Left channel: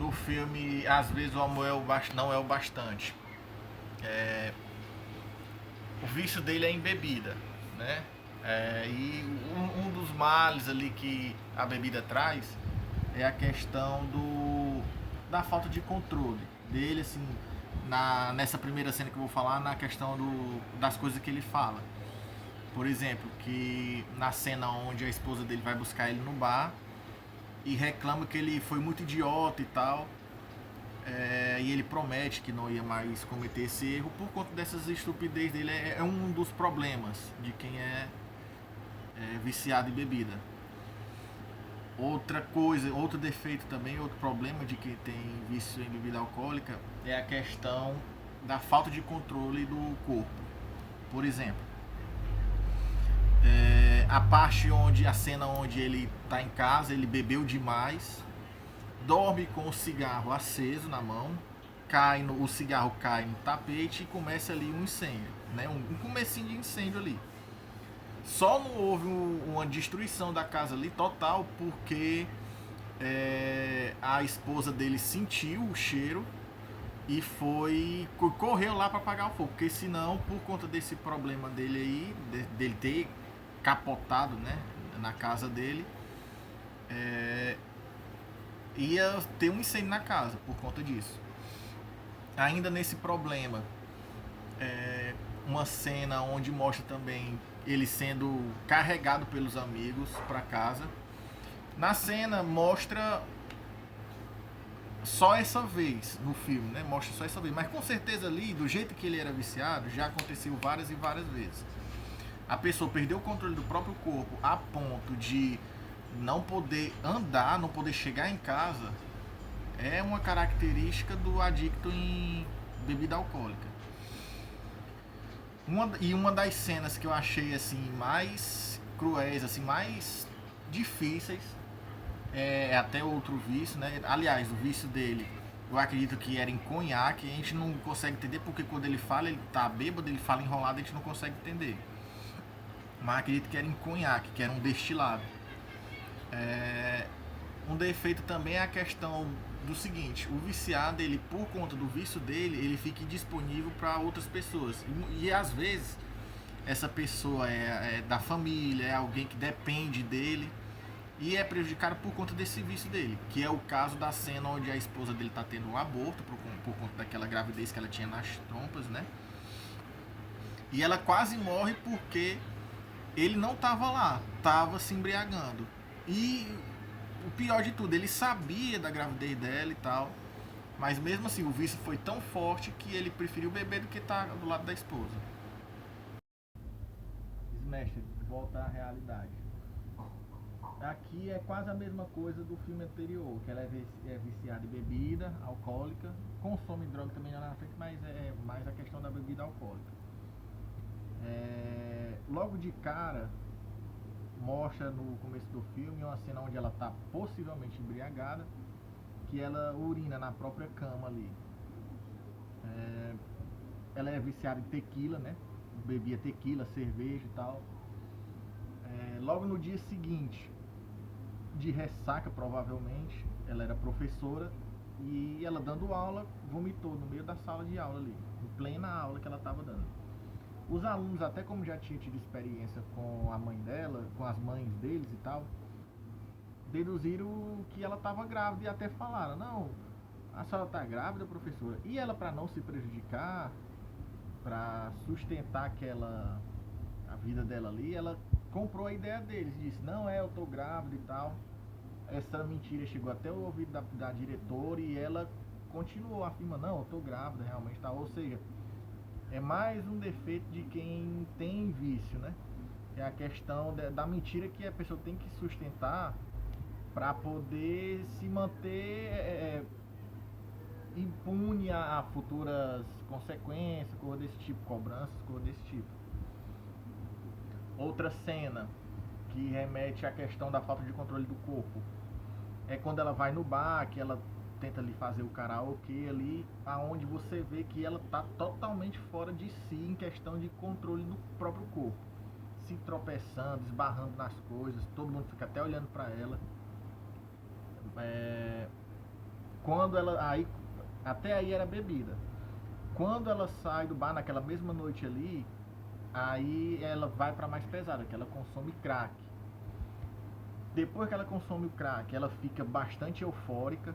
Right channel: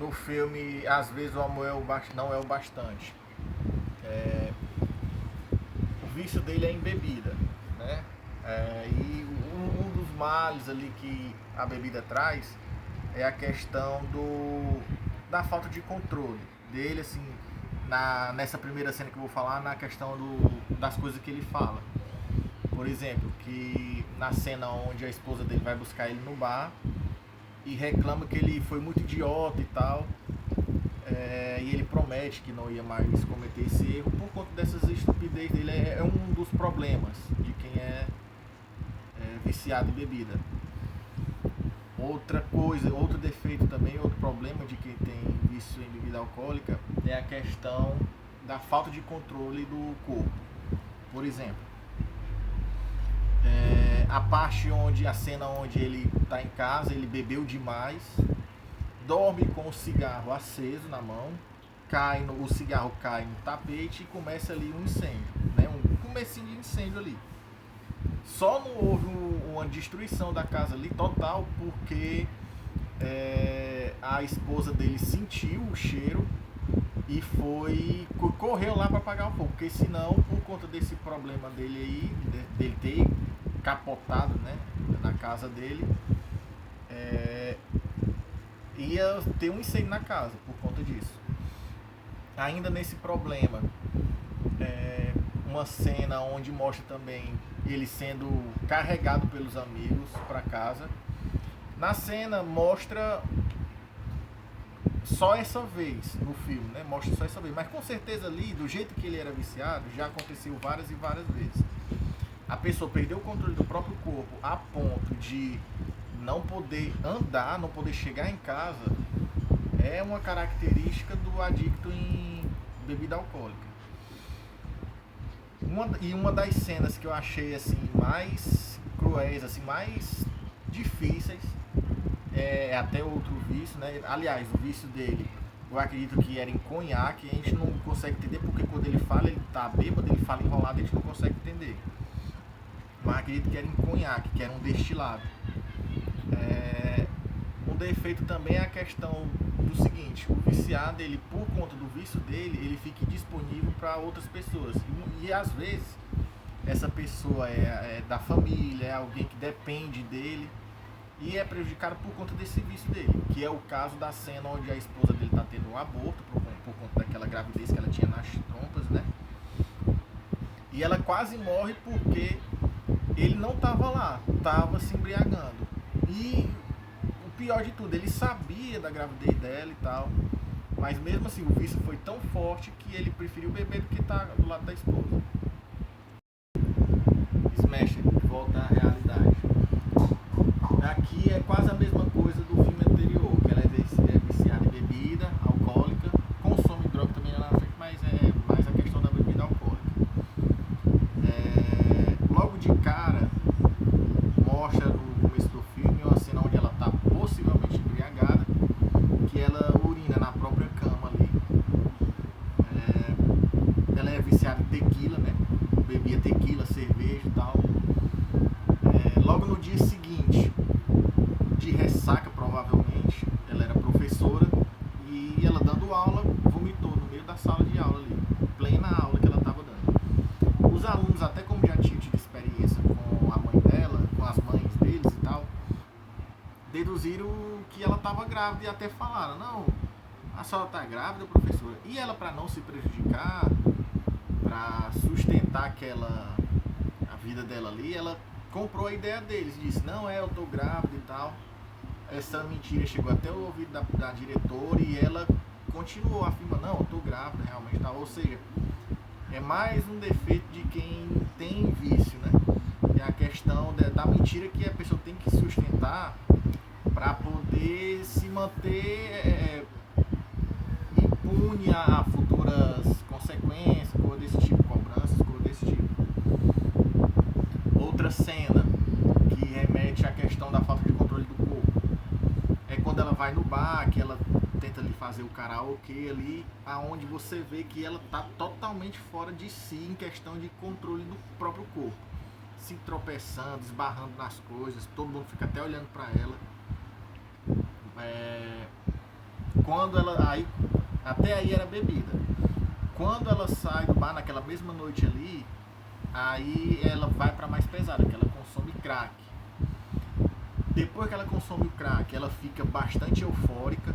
no filme, às vezes o amor não é o bastante. É, o vício dele é em bebida, né? E um dos males ali que a bebida traz é a questão da falta de controle dele, assim, nessa primeira cena que eu vou falar, na questão das coisas que ele fala. Por exemplo, que na cena onde a esposa dele vai buscar ele no bar e reclama que ele foi muito idiota e tal, e ele promete que não ia mais cometer esse erro por conta dessas estupidez dele. É um dos problemas de quem é viciado em bebida. Outra coisa, outro defeito também, outro problema de quem tem vício em bebida alcoólica é a questão da falta de controle do corpo. Por exemplo, a cena onde ele está em casa, ele bebeu demais, dorme com o cigarro aceso na mão, o cigarro cai no tapete e começa ali um incêndio, né? Um comecinho de incêndio ali. Só não houve uma destruição da casa ali total porque a esposa dele sentiu o cheiro e correu lá para apagar o fogo, porque senão, por conta desse problema dele aí, dele ter capotado, né, na casa dele, ia ter um incêndio na casa por conta disso. Ainda nesse problema, uma cena onde mostra também ele sendo carregado pelos amigos para casa. Na cena mostra só essa vez no filme, né? Mostra só essa vez, mas com certeza ali, do jeito que ele era viciado, já aconteceu várias e várias vezes. A pessoa perdeu o controle do próprio corpo a ponto de não poder andar, não poder chegar em casa, é uma característica do adicto em bebida alcoólica. Uma das cenas que eu achei assim mais cruéis, assim, mais difíceis, é até outro vício, né? Aliás, o vício dele, eu acredito que era em conhaque. A gente não consegue entender porque quando ele fala, ele tá bêbado, ele fala enrolado, a gente não consegue entender. Mas acredito que era em conhaque, que era um destilado. Um defeito também é a questão do seguinte: o viciado, ele, por conta do vício dele, ele fica disponível para outras pessoas. E às vezes essa pessoa é da família, é alguém que depende dele e é prejudicado por conta desse vício dele, que é o caso da cena onde a esposa dele está tendo um aborto por conta daquela gravidez que ela tinha nas trompas, né? E ela quase morre porque ele não estava lá, estava se embriagando. E o pior de tudo, ele sabia da gravidez dela e tal, mas mesmo assim o vício foi tão forte que ele preferiu beber do que estar do lado da esposa. Smash, volta à realidade. Aqui é quase a mesma coisa do filme anterior, que ela é viciada em bebida alcoólica, consome droga também lá na frente, mas é mais a questão da bebida alcoólica. Logo de cara, mostra no começo do filme uma cena onde ela está possivelmente embriagada, que ela urina na própria cama ali. Ela é viciada em tequila, né? Bebia tequila, cerveja e tal. Logo no dia seguinte, de ressaca provavelmente, ela era professora e ela dando aula, vomitou no meio da sala de aula ali, plena aula que ela estava dando. Os alunos, até como já tinham tido experiência com a mãe dela, com as mães deles e tal, deduziram que ela estava grávida e até falaram: não, a senhora está grávida, professora. E ela, para não se prejudicar, para sustentar a vida dela ali, ela comprou a ideia deles, disse: não, eu tô grávida e tal. Essa mentira chegou até o ouvido da diretora e ela continuou afirmando: não, eu tô grávida realmente, tal. Ou seja, é mais um defeito de quem tem vício, né? É a questão da mentira que a pessoa tem que sustentar para poder se manter impune a futuras consequências, coisa desse tipo, cobranças, coisa desse tipo. Outra cena que remete à questão da falta de controle do corpo é quando ela vai no bar, que ela tenta ali fazer o karaokê ali, aonde você vê que ela tá totalmente fora de si em questão de controle do próprio corpo, se tropeçando, esbarrando nas coisas, todo mundo fica até olhando para ela. Quando ela aí até aí era bebida. Quando ela sai do bar naquela mesma noite ali, aí ela vai para mais pesada, que ela consome crack. Depois que ela consome o crack, ela fica bastante eufórica,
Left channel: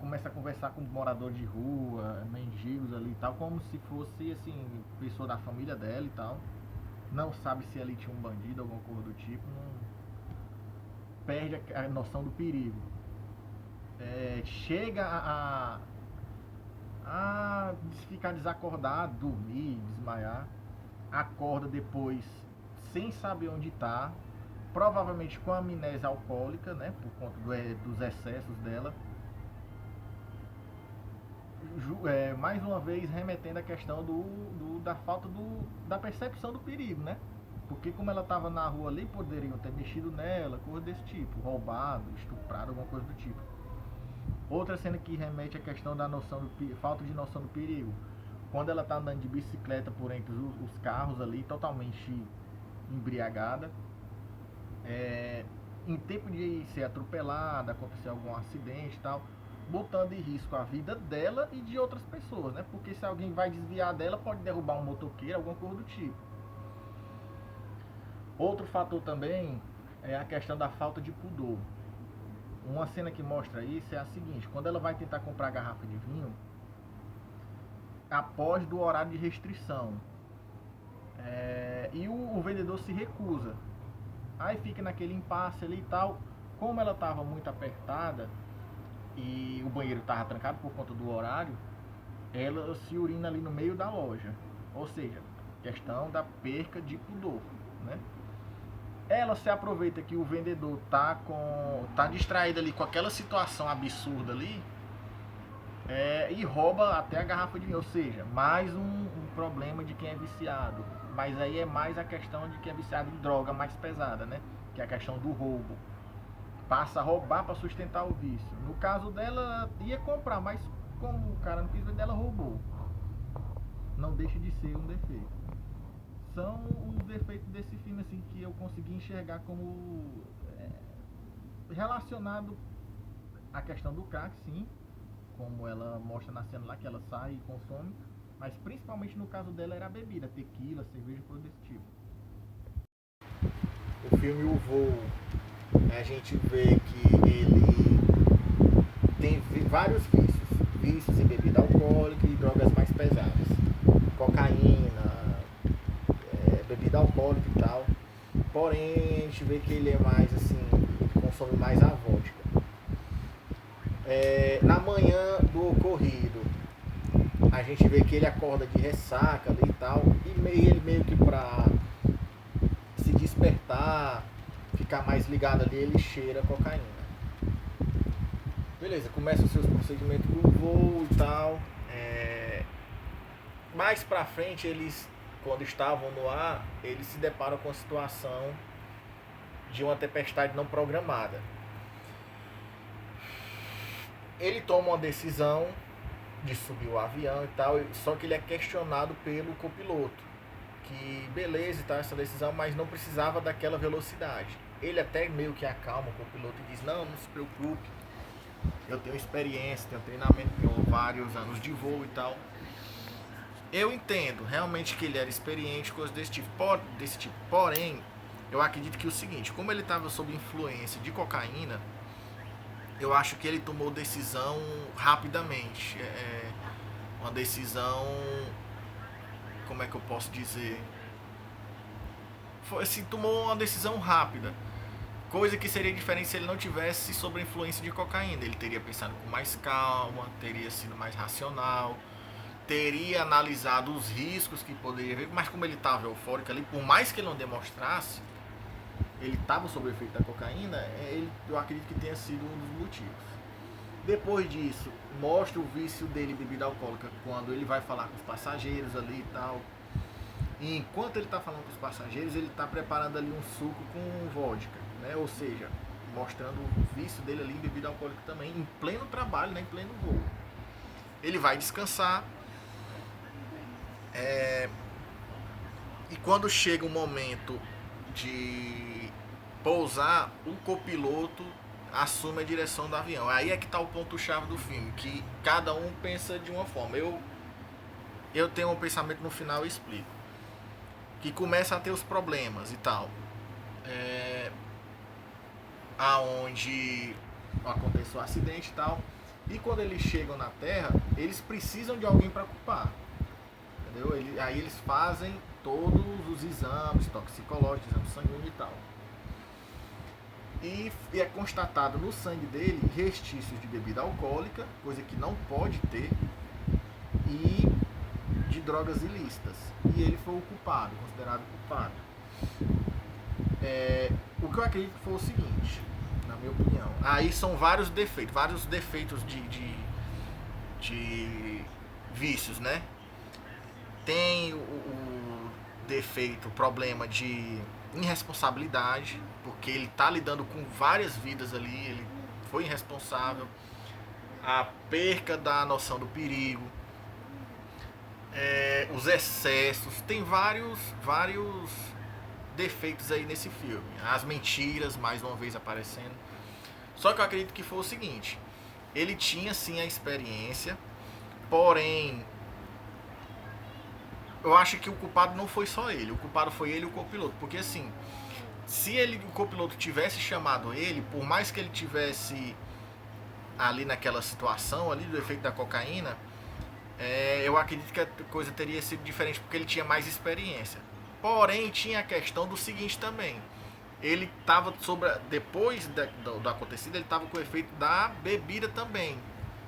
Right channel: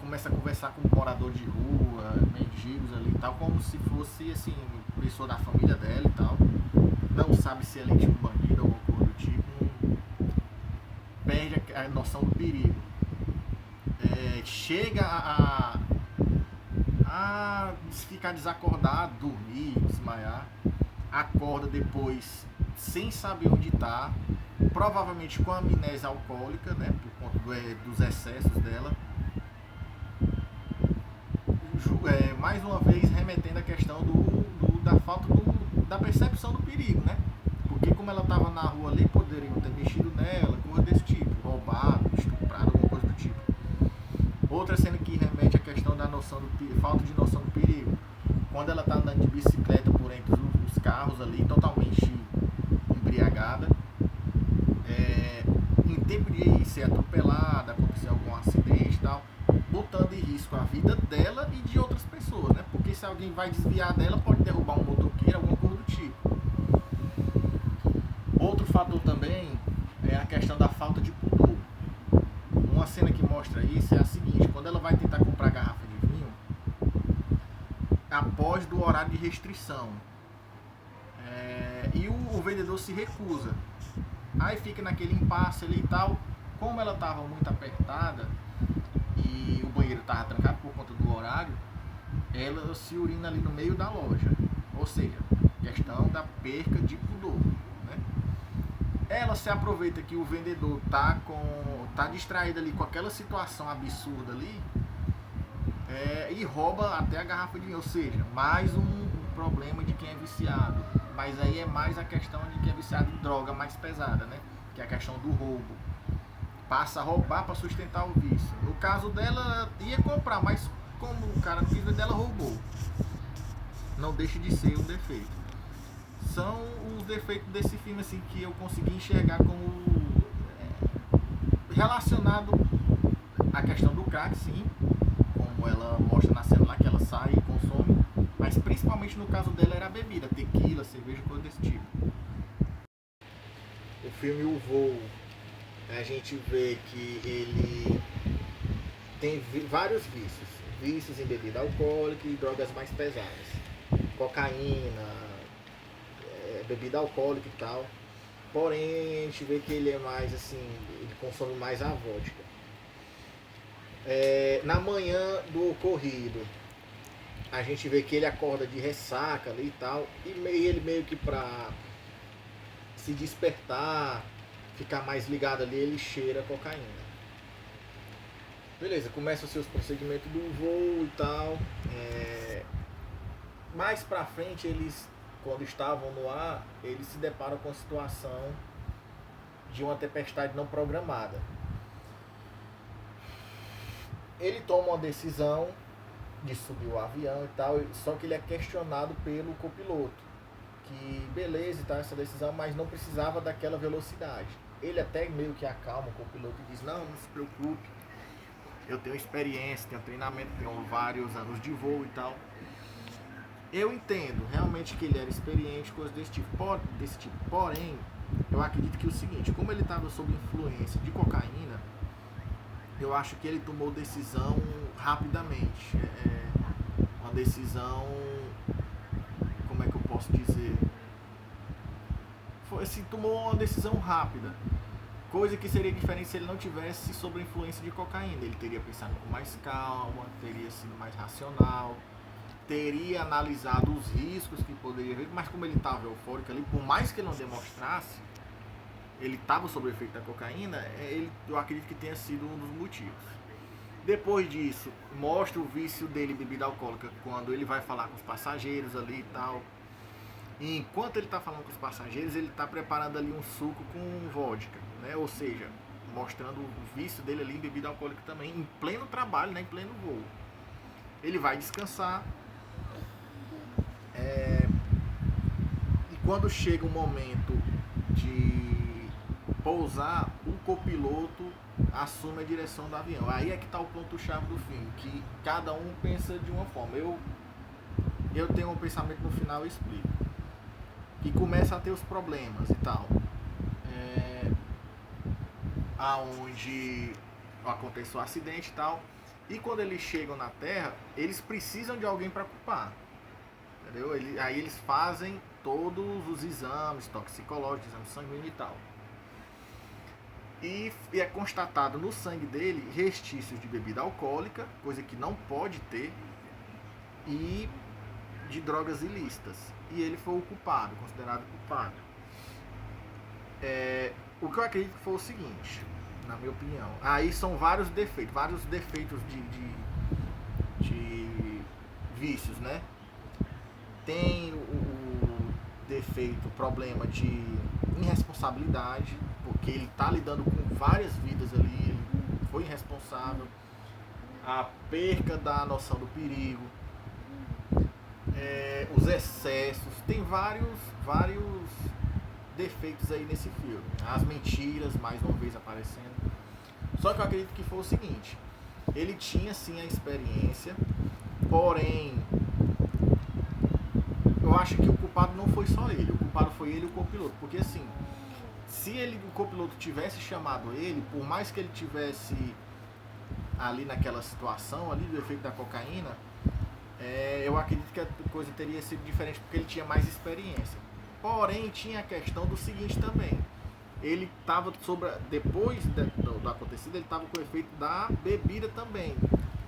começa a conversar com um morador de rua, mendigos ali e tal, como se fosse assim, pessoa da família dela e tal. Não sabe se ali tinha um bandido ou alguma coisa do tipo, perde a noção do perigo. Chega a ficar desacordado, dormir, desmaiar, acorda depois sem saber onde está, provavelmente com amnésia alcoólica, né, por conta dos excessos dela. Mais uma vez remetendo à questão da falta da percepção do perigo, né? Porque como ela estava na rua ali, poderiam ter mexido nela, coisa desse tipo, roubado, estuprado, alguma coisa do tipo. Outra cena que remete à questão da noção falta de noção do perigo. Quando ela está andando de bicicleta por entre os carros ali, totalmente embriagada, em tempo de ser atropelada, acontecer algum acidente e tal, botando em risco a vida dela e de outras pessoas, né? Porque se alguém vai desviar dela, pode derrubar um motoqueiro, alguma coisa do tipo. Outro fator também é a questão da falta de pudor. Uma cena que mostra isso é a seguinte: quando ela vai tentar comprar garrafa de vinho, após do horário de restrição, e o vendedor se recusa. Aí fica naquele impasse ali e tal. Como ela estava muito apertada e o banheiro estava trancado por conta do horário, ela se urina ali no meio da loja. Ou seja, questão da perca de pudor, né? Ela se aproveita que o vendedor tá distraído ali com aquela situação absurda ali, e rouba até a garrafa de vinho. Ou seja, mais um problema de quem é viciado. Mas aí é mais a questão de quem é viciado em droga mais pesada, né? Que é a questão do roubo. Passa a roubar para sustentar o vício. No caso dela, ia comprar, mas como o cara não quis vender, ela roubou. Não deixa de ser um defeito. São os defeitos desse filme assim que eu consegui enxergar como relacionado à questão do crack, sim, como ela mostra na cena lá que ela sai e consome, mas principalmente no caso dela era a bebida, tequila, cerveja, coisa desse tipo. O filme O Voo, a gente vê que ele tem vários vícios em bebida alcoólica e drogas mais pesadas, cocaína, bebida alcoólica e tal. Porém, a gente vê que ele é mais assim, ele consome mais a vodka. Na manhã do ocorrido, a gente vê que ele acorda de ressaca ali e tal, e ele meio que pra se despertar, ficar mais ligado ali, ele cheira cocaína. Beleza, começam os seus procedimentos do voo e tal. Mais pra frente, eles, quando estavam no ar, eles se deparam com a situação de uma tempestade não programada. Ele toma uma decisão de subir o avião e tal, só que ele é questionado pelo copiloto, que beleza e tal essa decisão, mas não precisava daquela velocidade. Ele até meio que acalma o copiloto e diz: não se preocupe, eu tenho experiência, tenho treinamento, tenho vários anos de voo e tal. Eu entendo realmente que ele era experiente, coisas desse tipo. Porém, eu acredito que o seguinte: como ele estava sob influência de cocaína, eu acho que ele tomou decisão rapidamente. Uma decisão, como é que eu posso dizer? Foi assim, tomou uma decisão rápida. Coisa que seria diferente se ele não tivesse sob a influência de cocaína. Ele teria pensado com mais calma, teria sido mais racional, teria analisado os riscos que poderia haver, mas como ele estava eufórico ali, por mais que ele não demonstrasse, ele estava sob o efeito da cocaína, eu acredito que tenha sido um dos motivos. Depois disso, mostra o vício dele em bebida alcoólica, quando ele vai falar com os passageiros ali e tal. E enquanto ele está falando com os passageiros, ele está preparando ali um suco com vodka, né? Ou seja, mostrando o vício dele ali em bebida alcoólica também, em pleno trabalho, né? Em pleno voo. Ele vai descansar. E quando chega o momento de pousar, o copiloto assume a direção do avião. Aí é que tá o ponto-chave do filme, que cada um pensa de uma forma. Eu tenho um pensamento no final e explico. Que começa a ter os problemas e tal. Aonde acontece o acidente e tal. E quando eles chegam na Terra, eles precisam de alguém para culpar. Entendeu? Aí eles fazem todos os exames toxicológicos, exames sanguíneos e tal. E é constatado no sangue dele restícios de bebida alcoólica, coisa que não pode ter, e de drogas ilícitas. E ele foi o culpado, considerado culpado. O que eu acredito que foi o seguinte, na minha opinião. Aí são vários defeitos de vícios, né? Tem o defeito, o problema de irresponsabilidade, porque ele tá lidando com várias vidas ali, ele foi irresponsável, a perca da noção do perigo, os excessos, tem vários defeitos aí nesse filme, as mentiras mais uma vez aparecendo. Só que eu acredito que foi o seguinte, ele tinha sim a experiência, porém eu acho que o culpado não foi só ele, o culpado foi ele e o copiloto, porque assim, se o copiloto tivesse chamado ele, por mais que ele tivesse ali naquela situação ali do efeito da cocaína, eu acredito que a coisa teria sido diferente, porque ele tinha mais experiência. Porém, tinha a questão do seguinte também, ele estava depois do acontecido, ele estava com o efeito da bebida também,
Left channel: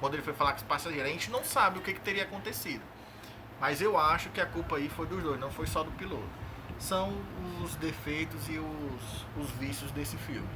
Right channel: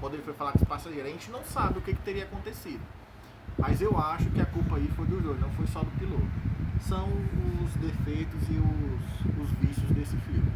quando ele foi falar com os passageiros. A gente não sabe o que teria acontecido, mas eu acho que a culpa aí foi dos dois, não foi só do piloto. São os defeitos e os vícios desse filme.